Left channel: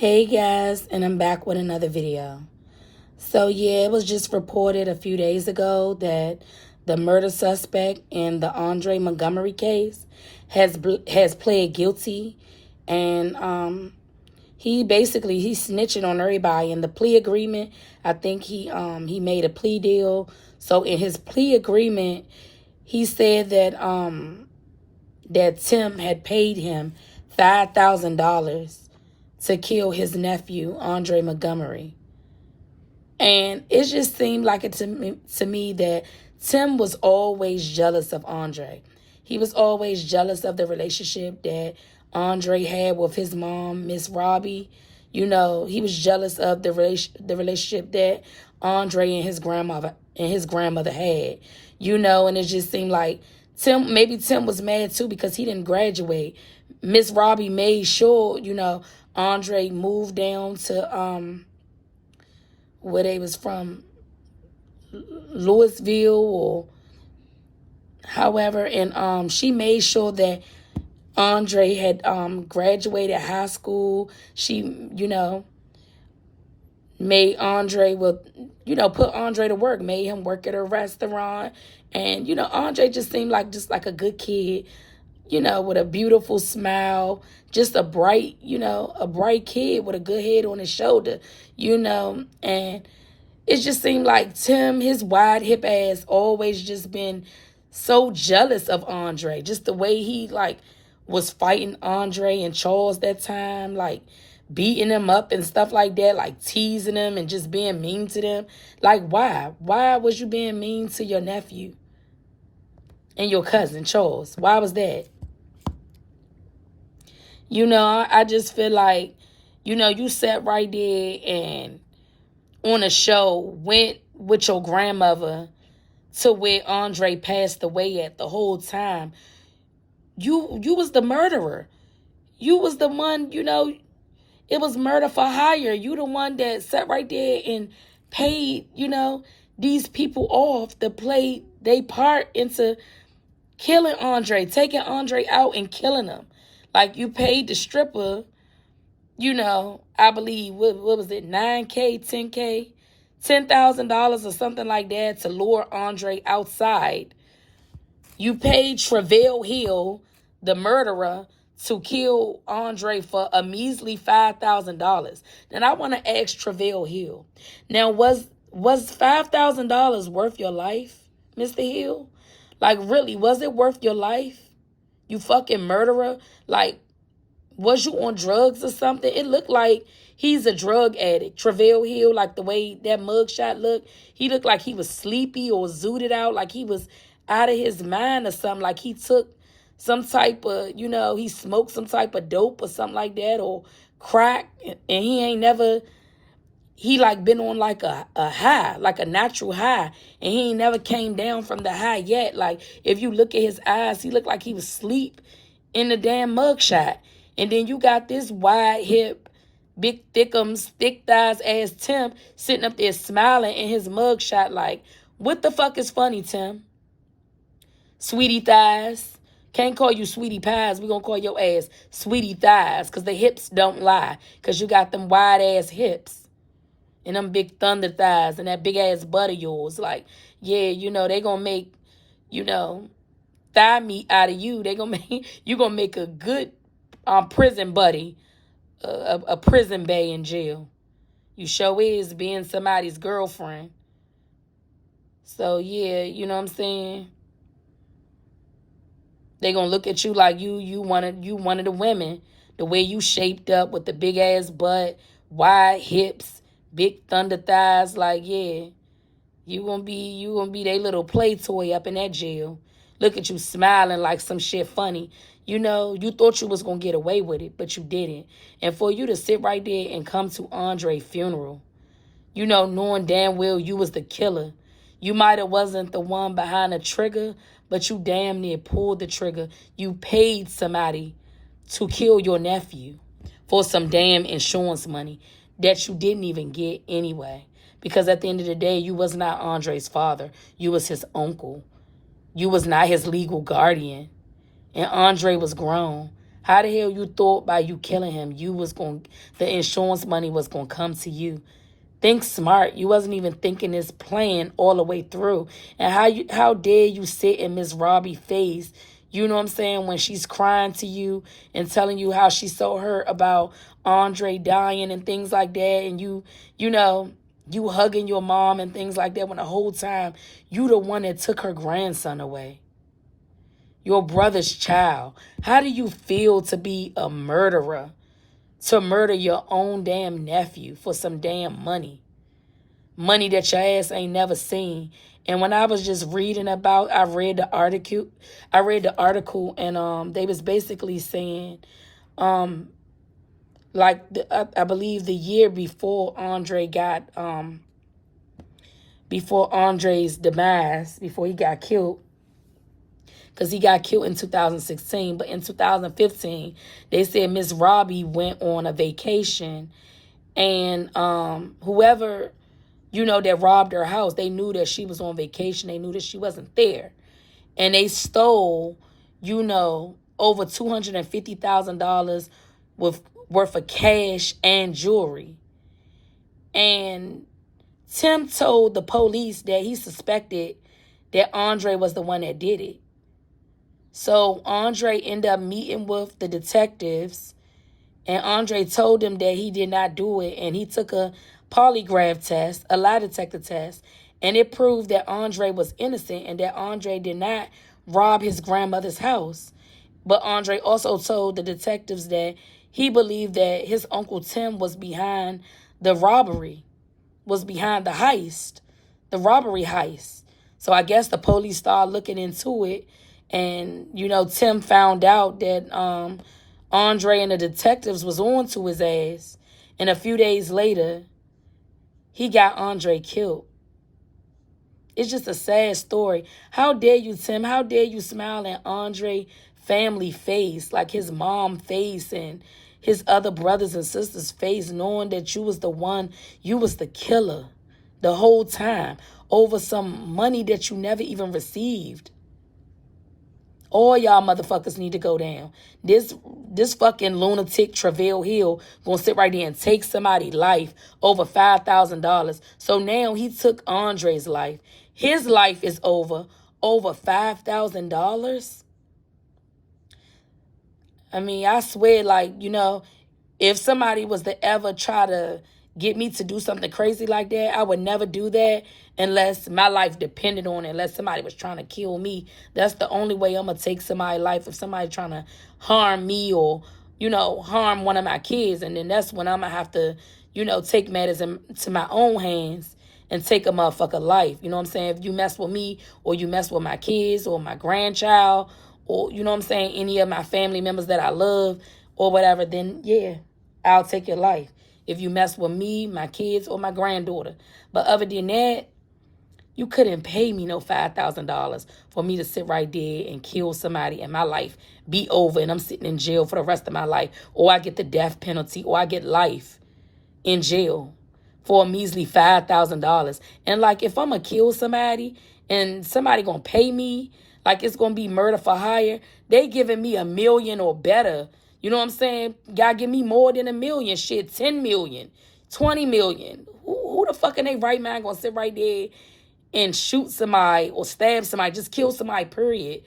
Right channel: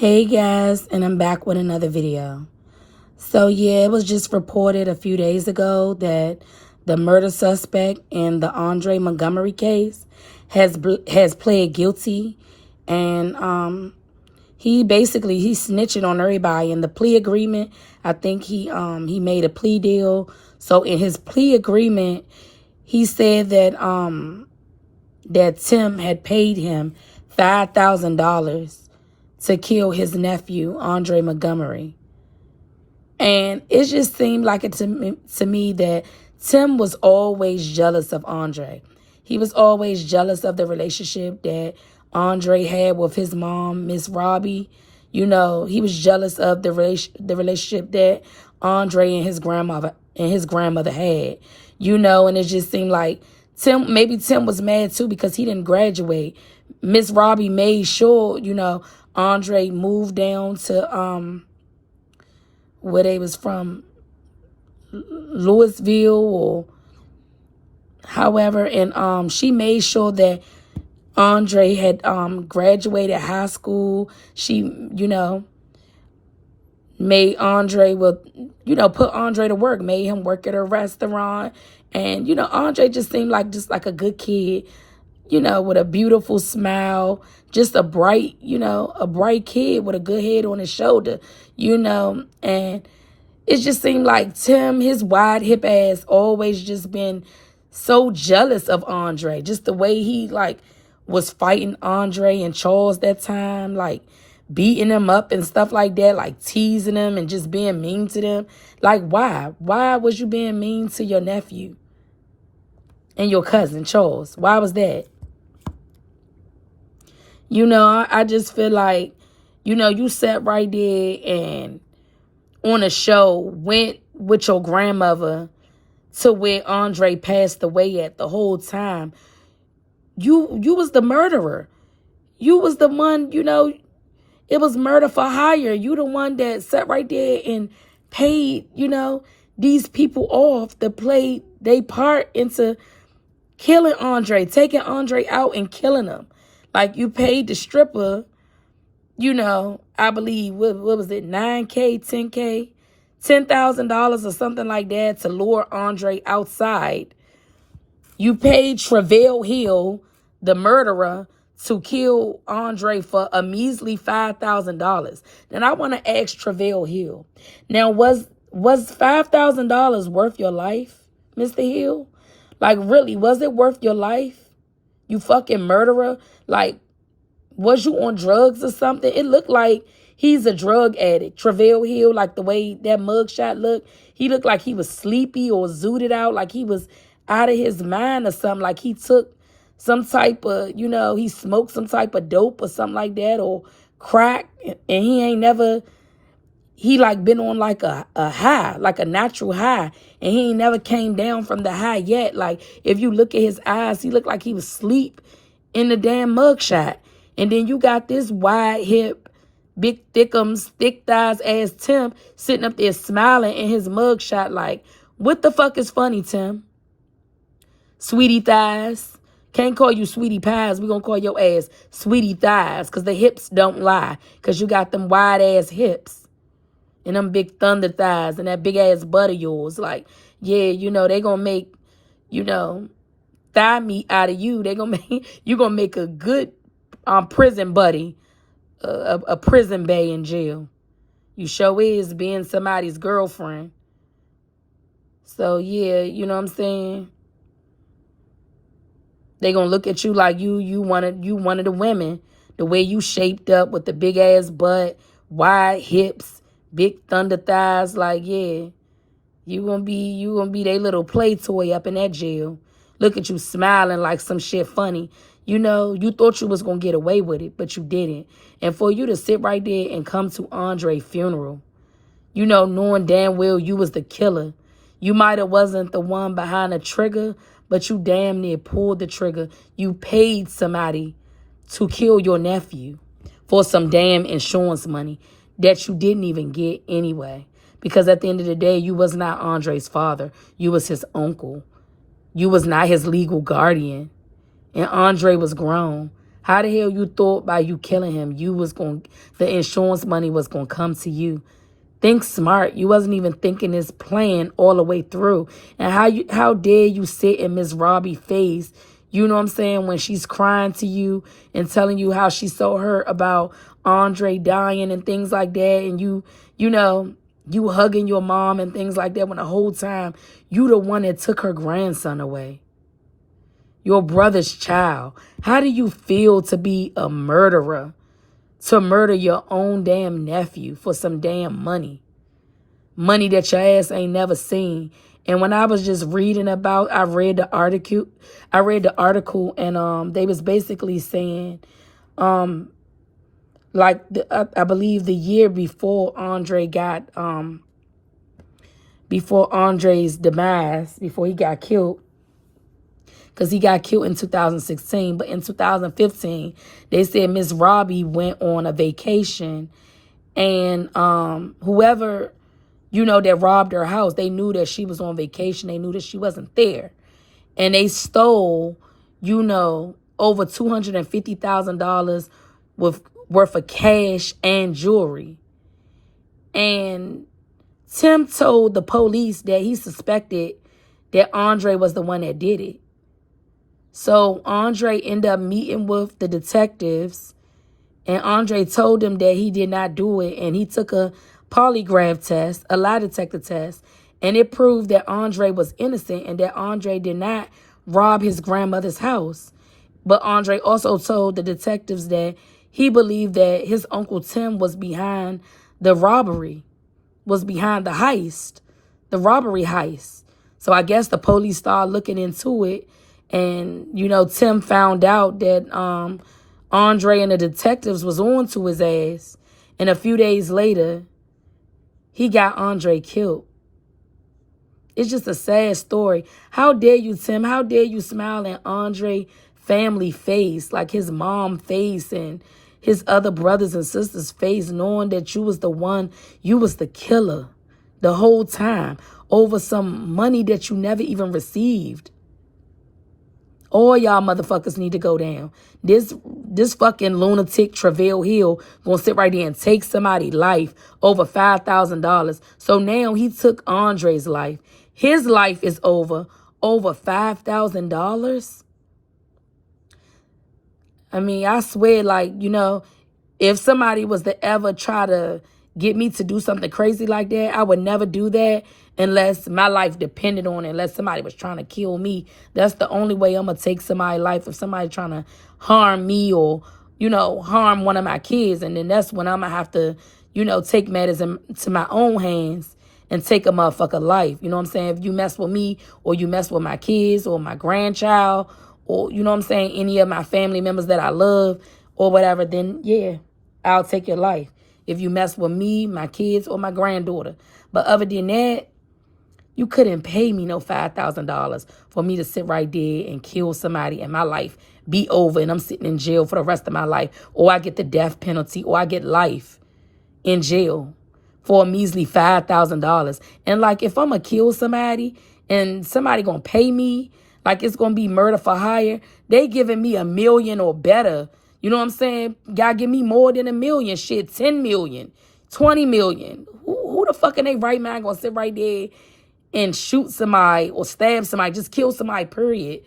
Hey guys, and I'm back with another video. So yeah, it was just reported a few days ago that the murder suspect in the Andre Montgomery case has pled guilty, and he's snitching on everybody. In the plea agreement, I think he made a plea deal. So in his plea agreement, he said that Tim had paid him $5,000 to kill his nephew, Andre Montgomery. And it just seemed like it to me that Tim was always jealous of Andre. He was always jealous of the relationship that Andre had with his mom, Miss Robbie. You know, he was jealous of the relationship that Andre and his grandmother had. You know, and it just seemed like maybe Tim was mad too because he didn't graduate. Miss Robbie made sure, you know, Andre moved down to where they was from, Louisville or however, and she made sure that Andre had graduated high school. She, you know, made Andre put Andre to work, made him work at a restaurant. And, you know, Andre just seemed like a good kid, you know, with a beautiful smile, just a bright kid with a good head on his shoulder, you know. And it just seemed like Tim, his wide hip ass, always just been so jealous of Andre. Just the way he, like, was fighting Andre and Charles that time, like, beating him up and stuff like that, like teasing him and just being mean to them. Like, why? Why was you being mean to your nephew and your cousin, Charles? Why was that? You know, I just feel like, you know, you sat right there and on a show went with your grandmother to where Andre passed away at the whole time. You was the murderer. You was the one, you know, it was murder for hire. You the one that sat right there and paid, you know, these people off to play their part into killing Andre, taking Andre out and killing him. Like, you paid the stripper, you know, I believe, what was it, $9K, $10K, $10,000 or something like that to lure Andre outside. You paid Travell Hill, the murderer, to kill Andre for a measly $5,000. Then I want to ask Travell Hill. Now, was $5,000 worth your life, Mr. Hill? Like, really, was it worth your life? You fucking murderer. Like, was you on drugs or something? It looked like he's a drug addict. Travell Hill, like the way that mugshot looked, he looked like he was sleepy or zooted out, like he was out of his mind or something, like he took some type of, you know, he smoked some type of dope or something like that, or crack, and he like been on like a high, like a natural high, and he ain't never came down from the high yet. Like, if you look at his eyes, he looked like he was asleep in the damn mugshot. And then you got this wide hip, big thickums, thick thighs ass Tim sitting up there smiling in his mugshot. Like, what the fuck is funny, Tim? Sweetie thighs. Can't call you sweetie pies. We gonna call your ass sweetie thighs, because the hips don't lie, because you got them wide ass hips and them big thunder thighs and that big ass butt of yours. Like, yeah, you know, they gonna make, you know, thigh meat out of you. They gonna make, you gonna make a good prison buddy, a prison bae in jail. You sure is, being somebody's girlfriend. So yeah, you know what I'm saying? They gonna look at you like you one of the women. The way you shaped up with the big ass butt, wide hips, big thunder thighs. Like, yeah, you gonna be their little play toy up in that jail. Look at you smiling like some shit funny. You know, you thought you was gonna get away with it, but you didn't. And for you to sit right there and come to Andre's funeral, you know, knowing damn well you was the killer. You might have wasn't the one behind the trigger, but you damn near pulled the trigger. You paid somebody to kill your nephew for some damn insurance money that you didn't even get anyway. Because at the end of the day, you was not Andre's father. You was his uncle. You was not his legal guardian. And Andre was grown. How the hell you thought by you killing him, the insurance money was gonna come to you? Think smart. You wasn't even thinking this plan all the way through. And how dare you sit in Miss Robbie's face, you know what I'm saying, when she's crying to you and telling you how she's so hurt about Andre dying and things like that, and you hugging your mom and things like that, when the whole time you the one that took her grandson away. Your brother's child. How do you feel to be a murderer? To murder your own damn nephew for some damn money. Money that your ass ain't never seen. And when I was just reading about, I read the article and they was basically saying, I believe the year before Andre got, before Andre's demise, before he got killed, because he got killed in 2016. But in 2015, they said Miss Robbie went on a vacation, and whoever, that robbed her house, they knew that she was on vacation. They knew that she wasn't there. And they stole, over $250,000 worth of cash and jewelry. And Tim told the police that he suspected that Andre was the one that did it. So Andre ended up meeting with the detectives, and Andre told them that he did not do it, and he took a polygraph test, a lie detector test, and it proved that Andre was innocent and that Andre did not rob his grandmother's house. But Andre also told the detectives that he believed that his Uncle Tim was behind the robbery, was behind the heist, the robbery heist. So I guess the police started looking into it. And, Tim found out that Andre and the detectives was on to his ass. And a few days later, he got Andre killed. It's just a sad story. How dare you, Tim? How dare you smile at Andre family face, like his mom face and his other brothers and sisters face, knowing that you was the one, you was the killer the whole time over some money that you never even received. All y'all motherfuckers need to go down. This fucking lunatic Travell Hill gonna sit right there and take somebody's life over $5,000. So now he took Andre's life. His life is over $5,000. I mean, I swear, if somebody was to ever try to get me to do something crazy like that, I would never do that unless my life depended on it, unless somebody was trying to kill me. That's the only way I'm going to take somebody's life, if somebody trying to harm me or, harm one of my kids. And then that's when I'm going to have to, take matters into my own hands and take a motherfucker life. You know what I'm saying? If you mess with me or you mess with my kids or my grandchild or, any of my family members that I love or whatever, then yeah, I'll take your life. If you mess with me, my kids, or my granddaughter. But other than that, you couldn't pay me no $5,000 for me to sit right there and kill somebody and my life be over and I'm sitting in jail for the rest of my life. Or I get the death penalty or I get life in jail for a measly $5,000. And if I'm going to kill somebody and somebody going to pay me, it's going to be murder for hire, they giving me $1 million or better. You know what I'm saying? God give me more than $1 million. Shit, 10 million, 20 million. Who the fuck in their right mind gonna sit right there and shoot somebody or stab somebody, just kill somebody, period,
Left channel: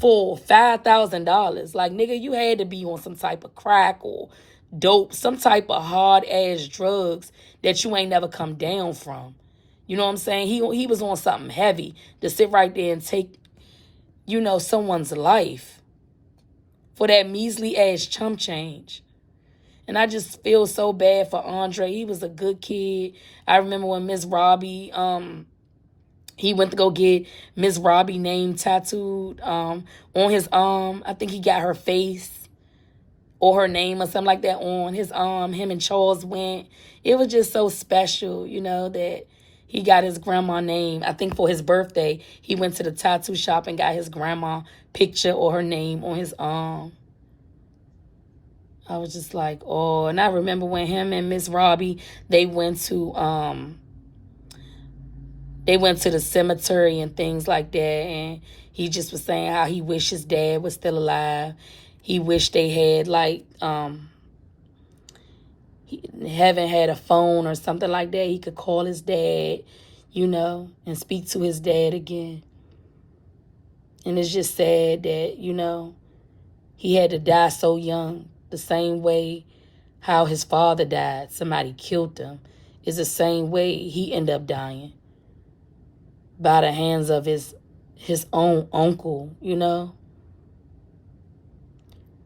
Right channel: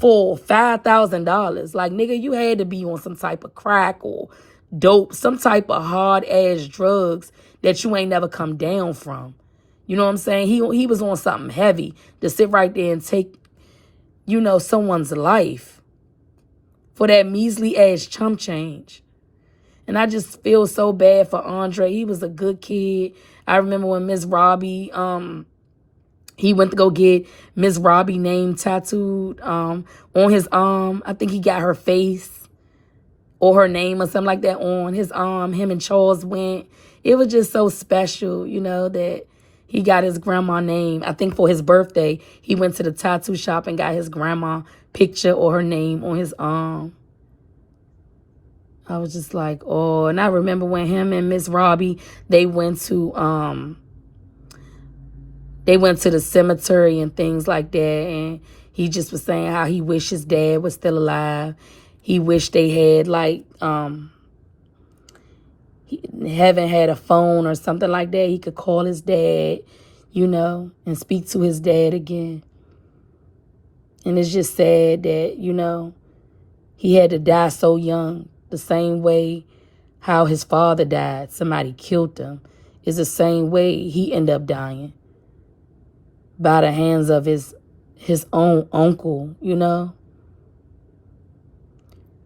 for $5,000? Nigga, you had to be on some type of crack or dope, some type of hard-ass drugs that you ain't never come down from. You know what I'm saying? He was on something heavy to sit right there and take, someone's life for that measly ass chump change. And I just feel so bad for Andre. He was a good kid. I remember when Miss Robbie, he went to go get Miss Robbie name tattooed on his arm. I think he got her face or her name or something like that on his arm. Him and Charles went. It was just so special, that he got his grandma name. I think for his birthday, he went to the tattoo shop and got his grandma picture or her name on his arm. I was just like, oh. And I remember when him and Miss Robbie, they went to the cemetery and things like that, and he just was saying how he wished his dad was still alive. he wished they had, like, haven't had a phone or something like that. He could call his dad, you know, and speak to his dad again. And it's just sad that, you know, he had to die so young, the same way how his father died. Somebody killed him. It's the same way he ended up dying, by the hands of his own uncle, you know.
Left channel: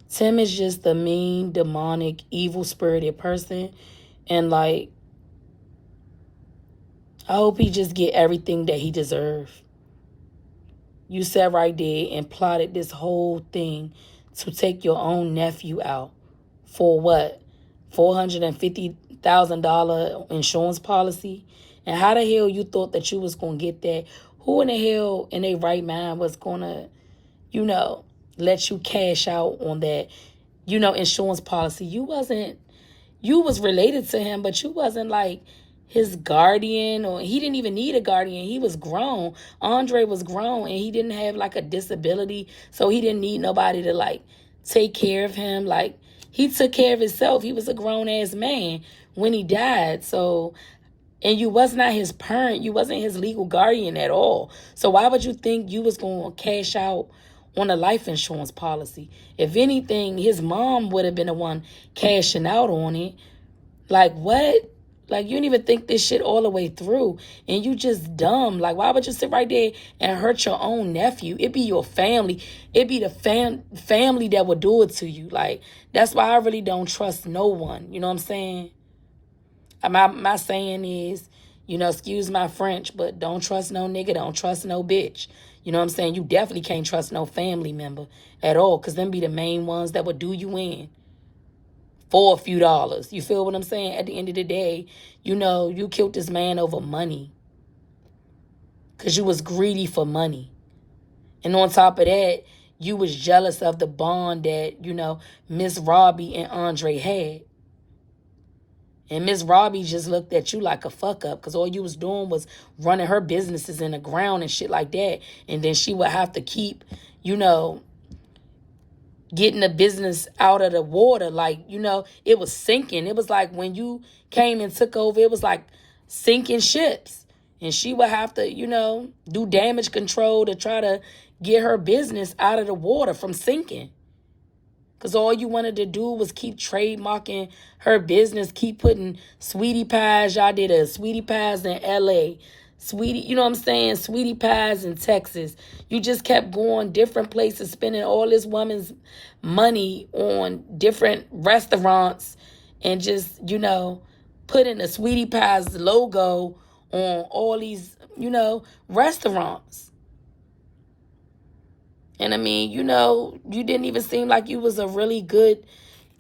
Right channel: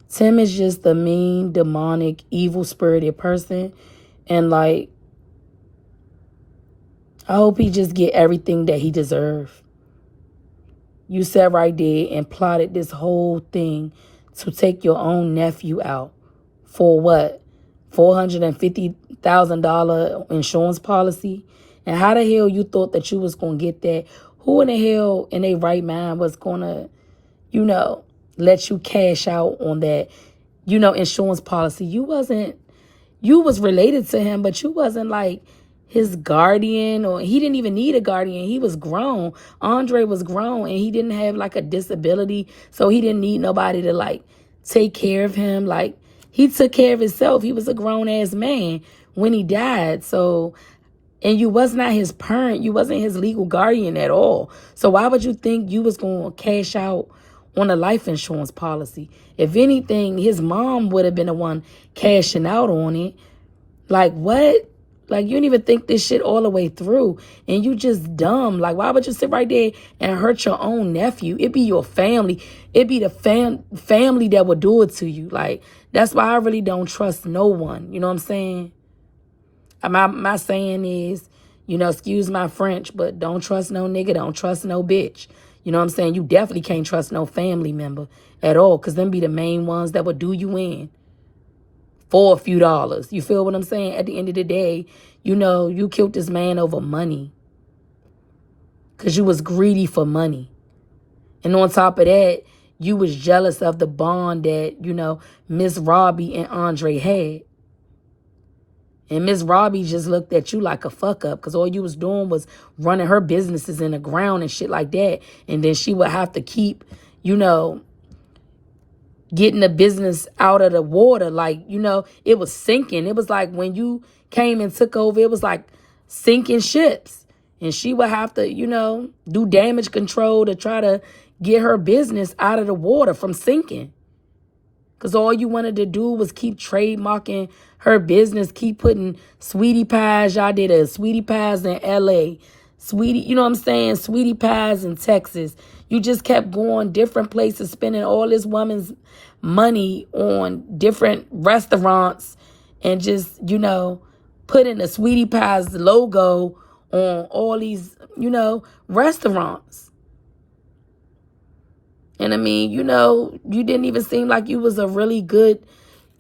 Tim is just a mean, demonic, evil-spirited person. And, like, I hope he just get everything that he deserves. You sat right there and plotted this whole thing to take your own nephew out for what? $450,000 insurance policy? And how the hell you thought that you was going to get that? Who in the hell in their right mind was going to, you know, let you cash out on that, you know, insurance policy? You was related to him, but you wasn't like his guardian, or he didn't even need a guardian. He was grown. Andre was grown, and he didn't have like a disability, so he didn't need nobody to like take care of him. Like, he took care of himself. He was a grown-ass man when he died. So, and you was not his parent. You wasn't his legal guardian at all. So why would you think you was going to cash out on a life insurance policy? If anything, his mom would have been the one cashing out on it. Like, what? Like, you don't even think this shit all the way through, and you just dumb. Like, why would you sit right there and hurt your own nephew? It be your family. It be the family that would do it to you. Like, that's why I really don't trust no one. You know what I'm saying? My saying is, you know, excuse my French, but don't trust no nigga, don't trust no bitch. You know what I'm saying? You definitely can't trust no family member at all, because them be the main ones that would do you in for a few dollars. You feel what I'm saying? At the end of the day, you know, you killed this man over money, because you was greedy for money. And on top of that, you was jealous of the bond that, you know, Miss Robbie and Andre had. And Miss Robbie just looked at you like a fuck up, because all you was doing was running her businesses in the ground and shit like that. And then she would have to keep, you know, getting the business out of the water. Like, you know, it was sinking. It was like when you came and took over, it was like sinking ships. And she would have to, you know, do damage control to try to get her business out of the water from sinking. Because all you wanted to do was keep trademarking her business, keep putting sweetie pies. Y'all did a sweetie pies in L.A., sweetie, you know what I'm saying? Sweetie pies in Texas. You just kept going different places, spending all this woman's money on different restaurants, and just, you know, putting the sweetie pies logo on all these, you know, restaurants. And I mean, you know, you didn't even seem like you was a really good,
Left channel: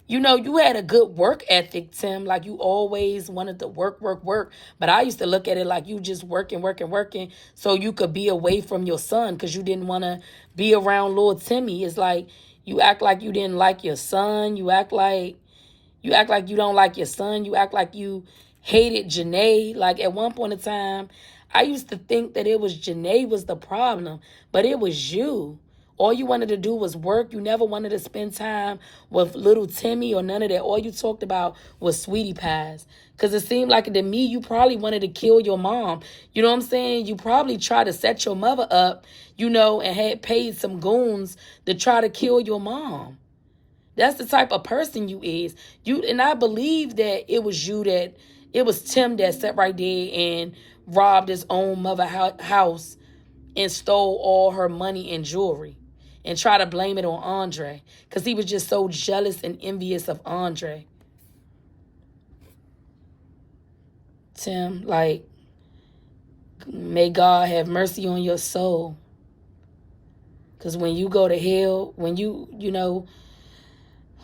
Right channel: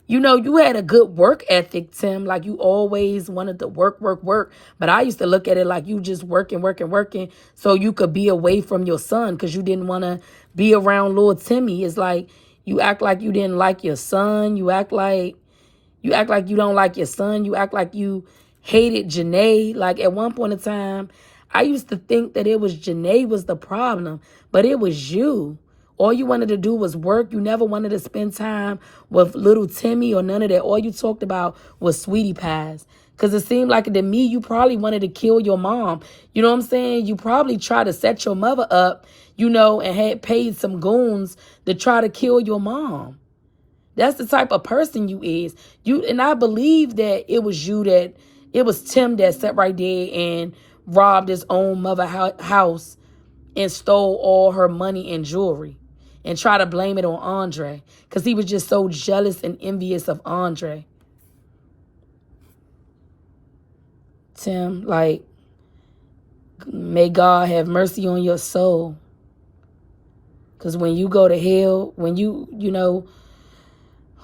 you know, you had a good work ethic, Tim. Like, you always wanted to work. But I used to look at it like you just working so you could be away from your son, because you didn't want to be around Lord Timmy. It's like you act like you didn't like your son. You act like you don't like your son. You act like you hated Janae. Like, at one point in time, I used to think that it was Janae was the problem, but it was you. All you wanted to do was work. You never wanted to spend time with little Timmy or none of that. All you talked about was sweetie pies. Because it seemed like to me, you probably wanted to kill your mom. You know what I'm saying? You probably tried to set your mother up, you know, and had paid some goons to try to kill your mom. That's the type of person you is. And I believe that it was Tim that sat right there and robbed his own mother house and stole all her money and jewelry, and try to blame it on Andre, because he was just so jealous and envious of Andre. Tim, like, may God have mercy on your soul. Because when you go to hell, when you know,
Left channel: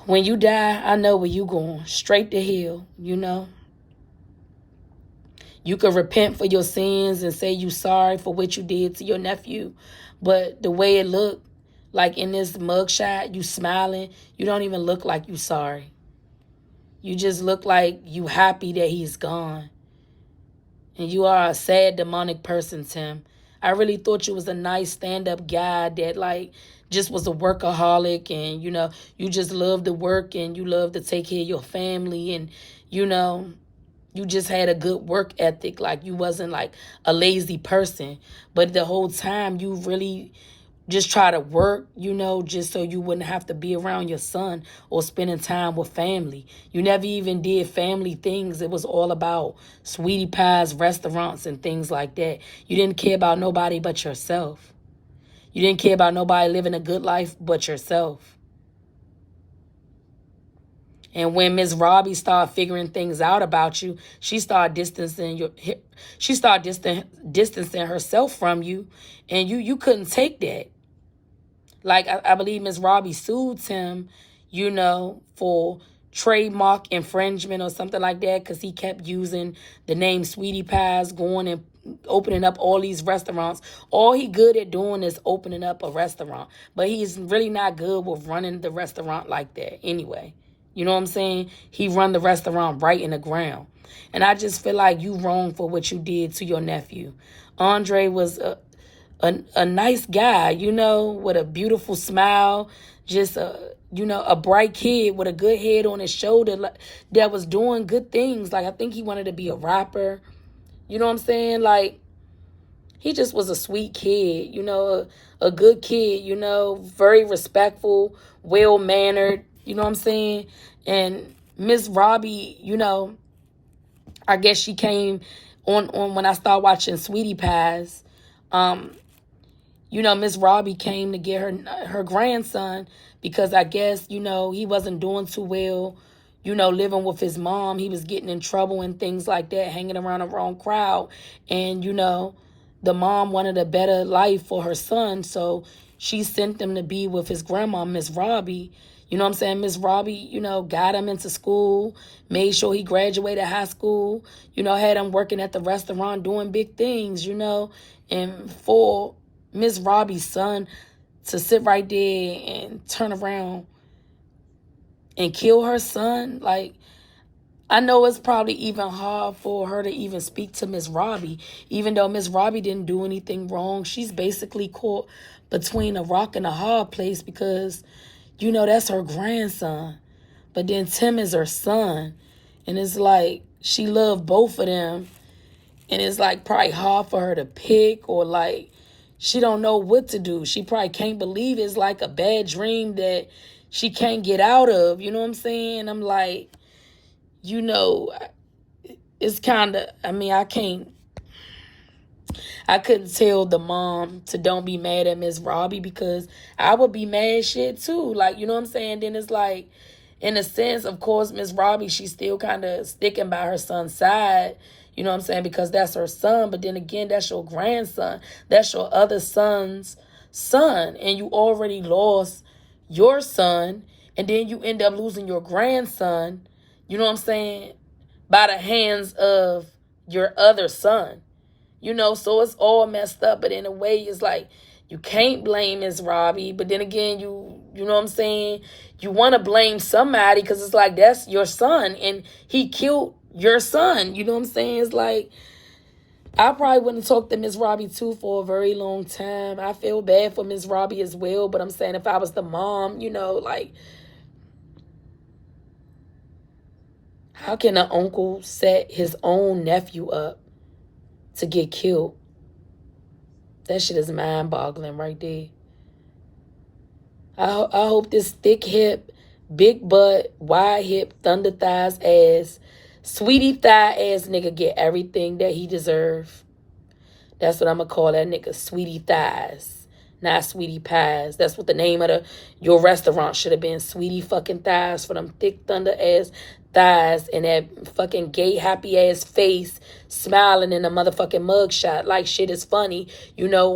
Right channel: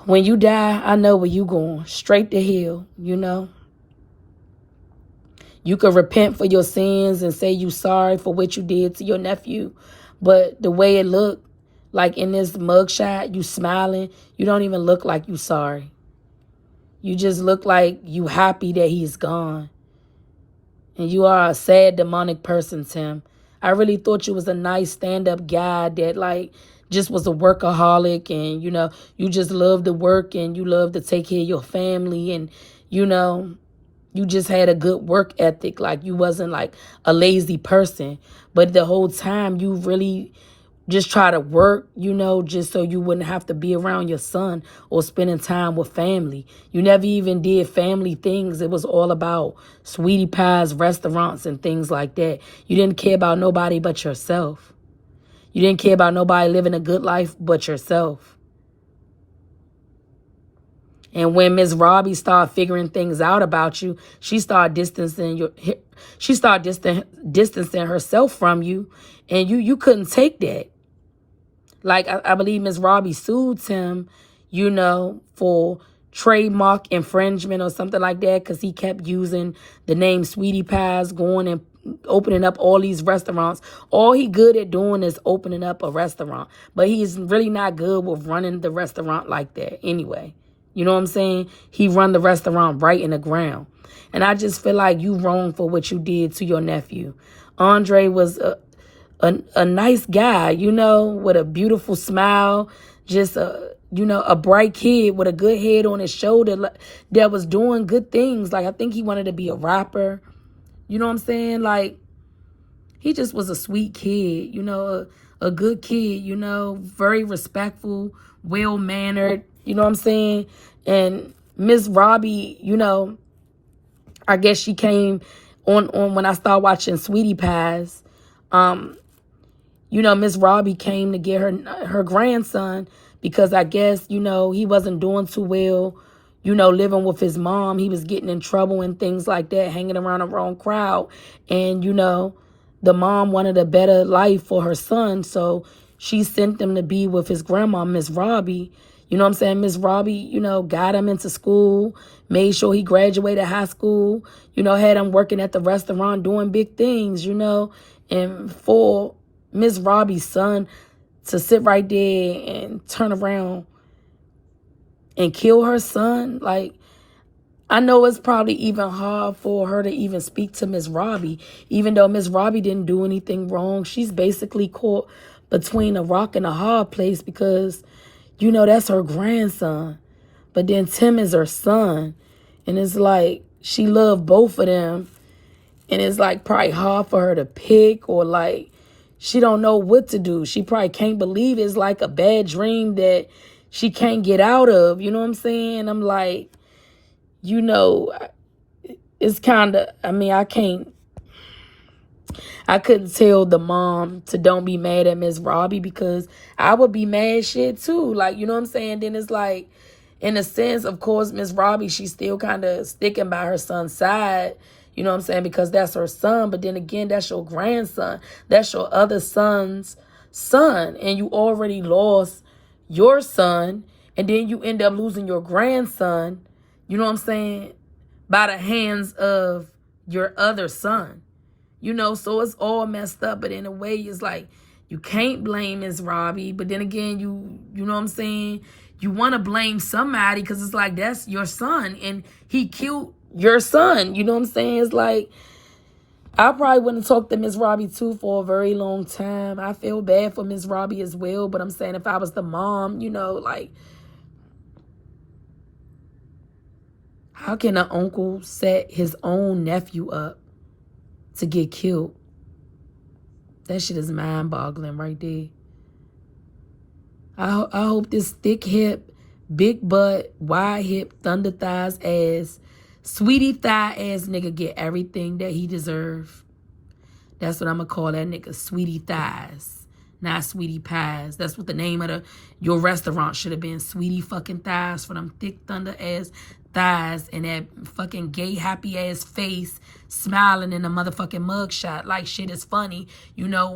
when you die, I know where you going. Straight to hell, you know. You can repent for your sins and say you sorry for what you did to your nephew. But the way it looked, like in this mugshot, you smiling, you don't even look like you sorry. You just look like you happy that he's gone. And you are a sad, demonic person, Tim. I really thought you was a nice stand-up guy that, like, just was a workaholic, and, you know, you just love to work and you love to take care of your family, and, you know, you just had a good work ethic. Like, you wasn't like a lazy person. But the whole time you really just try to work, you know, just so you wouldn't have to be around your son or spending time with family. You never even did family things. It was all about sweetie pies, restaurants, and things like that. You didn't care about nobody but yourself. You didn't care about nobody living a good life but yourself. And when Miss Robbie started figuring things out about you, she started distancing herself from you, and you couldn't take that. Like, I believe Miss Robbie sued him, you know, for trademark infringement or something like that, because he kept using the name Sweetie Pies, going and opening up all these restaurants. All he good at doing is opening up a restaurant, but he's really not good with running the restaurant like that anyway. You know what I'm saying? He run the restaurant right in the ground. And I just feel like you wrong for what you did to your nephew. Andre was a nice guy, you know, with a beautiful smile, just you know, a bright kid with a good head on his shoulder that was doing good things. Like, I think he wanted to be a rapper. You know what I'm saying? Like, he just was a sweet kid, you know, a good kid, you know, very respectful, well-mannered, you know what I'm saying? And Miss Robbie, you know, I guess she came on when I started watching Sweetie Pies. You know, Miss Robbie came to get her grandson because I guess, you know, he wasn't doing too well, you know, living with his mom. He was getting in trouble and things like that, hanging around the wrong crowd. And, you know, the mom wanted a better life for her son, so she sent him to be with his grandma, Miss Robbie. You know what I'm saying? Miss Robbie, you know, got him into school, made sure he graduated high school, you know, had him working at the restaurant doing big things, you know. And for Miss Robbie's son to sit right there and turn around and kill her son, like, I know it's probably even hard for her to even speak to Miss Robbie, even though Miss Robbie didn't do anything wrong. She's basically caught between a rock and a hard place because, you know, that's her grandson. But then Tim is her son. And it's like, she loved both of them. And it's like probably hard for her to pick, or like, she don't know what to do. She probably can't believe it's like a bad dream that she can't get out of. You know what I'm saying? I'm like, you know, it's kind of, I mean, I couldn't tell the mom to don't be mad at Miss Robbie, because I would be mad shit too. Like, you know what I'm saying? Then it's like, in a sense, of course, Miss Robbie, she's still kind of sticking by her son's side. You know what I'm saying? Because that's her son. But then again, that's your grandson. That's your other son's son. And you already lost your son. And then you end up losing your grandson. You know what I'm saying? By the hands of your other son. You know, so it's all messed up. But in a way, it's like, you can't blame Miss Robbie. But then again, you know what I'm saying? You want to blame somebody because it's like, that's your son. And he killed your son. You know what I'm saying? It's like, I probably wouldn't talk to Miss Robbie too for a very long time. I feel bad for Miss Robbie as well. But I'm saying, if I was the mom, you know, like, how can an uncle set his own nephew up to get killed? That shit is mind-boggling right there. I hope this thick hip, big butt, wide hip, thunder thighs ass, sweetie thigh ass nigga get everything that he deserve. That's what I'm gonna call that nigga, sweetie thighs, not sweetie pies. That's what the name of your restaurant should have been, sweetie fucking thighs, for them thick thunder ass thighs and that fucking gay happy ass face smiling in a motherfucking mugshot like shit is funny. You know,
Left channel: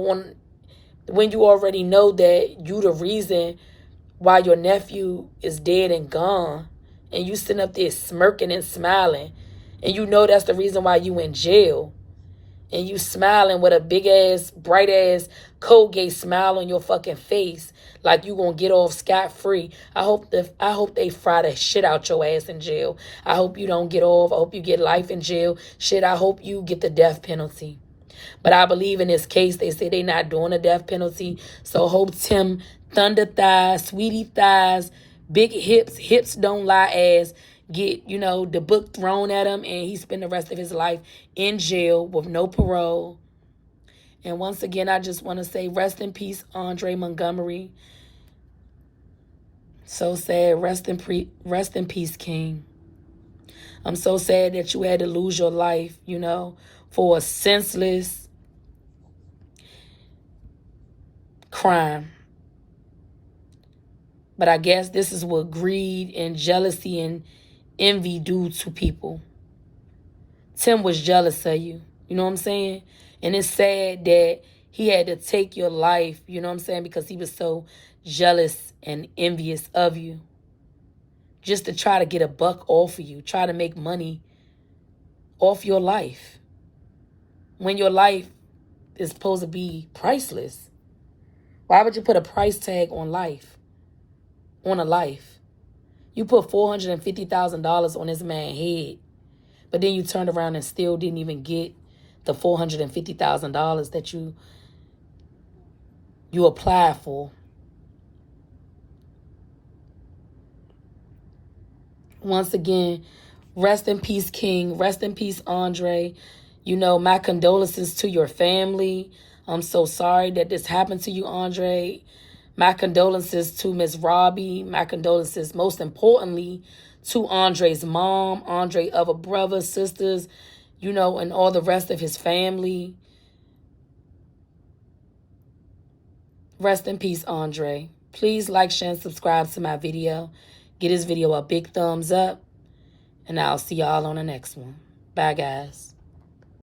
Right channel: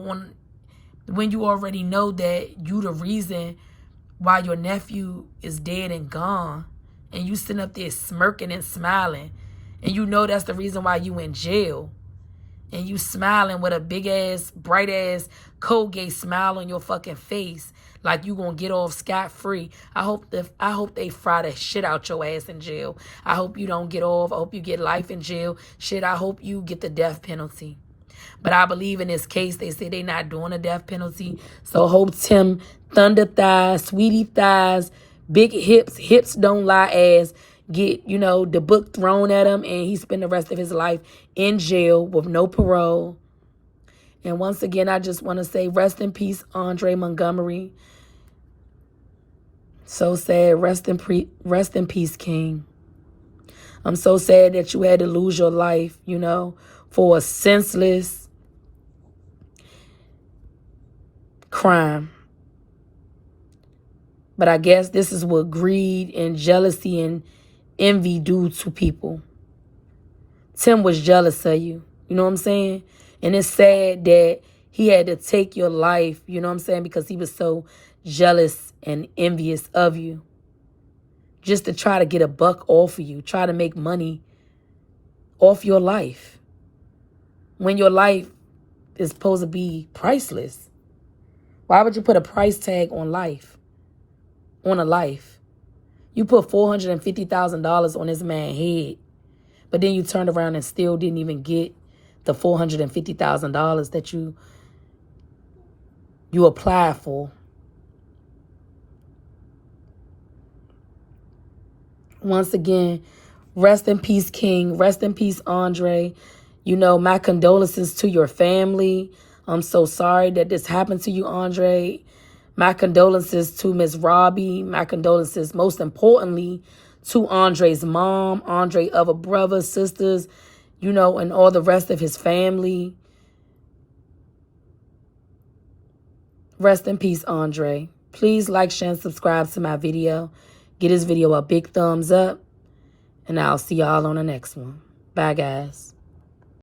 when you already know that you the reason why your nephew is dead and gone, and you sitting up there smirking and smiling, and you know that's the reason why you in jail, and you smiling with a big ass, bright ass Colgate smile on your fucking face, like you gonna get off scot-free. I hope they fry the shit out your ass in jail. I hope you don't get off. I hope you get life in jail. Shit, I hope you get the death penalty. But I believe in this case, they say they're not doing a death penalty. So hope Tim Thunder Thighs, Sweetie Thighs, Big Hips, Hips Don't Lie ass get, you know, the book thrown at him, and he spend the rest of his life in jail with no parole. And once again, I just want to say rest in peace, Andre Montgomery. So sad. Rest in peace, King. I'm so sad that you had to lose your life, you know, for a senseless crime. But I guess this is what greed and jealousy and envy do to people. Tim was jealous of you. You know what I'm saying? And it's sad that he had to take your life, you know what I'm saying, because he was so jealous and envious of you. Just to try to get a buck off of you. Try to make money off your life. When your life is supposed to be priceless. Why would you put a price tag on life? On a life. You put $450,000 on this man's head. But then you turned around and still didn't even get the $450,000 that you applied for. Once again, rest in peace, King. Rest in peace, Andre. You know, my condolences to your family. I'm so sorry that this happened to you, Andre. My condolences to Miss Robbie. My condolences, most importantly, to Andre's mom, Andre other brothers, sisters, you know, and all the rest of his family. Rest in peace, Andre. Please like, share, and subscribe to my video. Give this video a big thumbs up. And I'll see y'all on the next one. Bye, guys.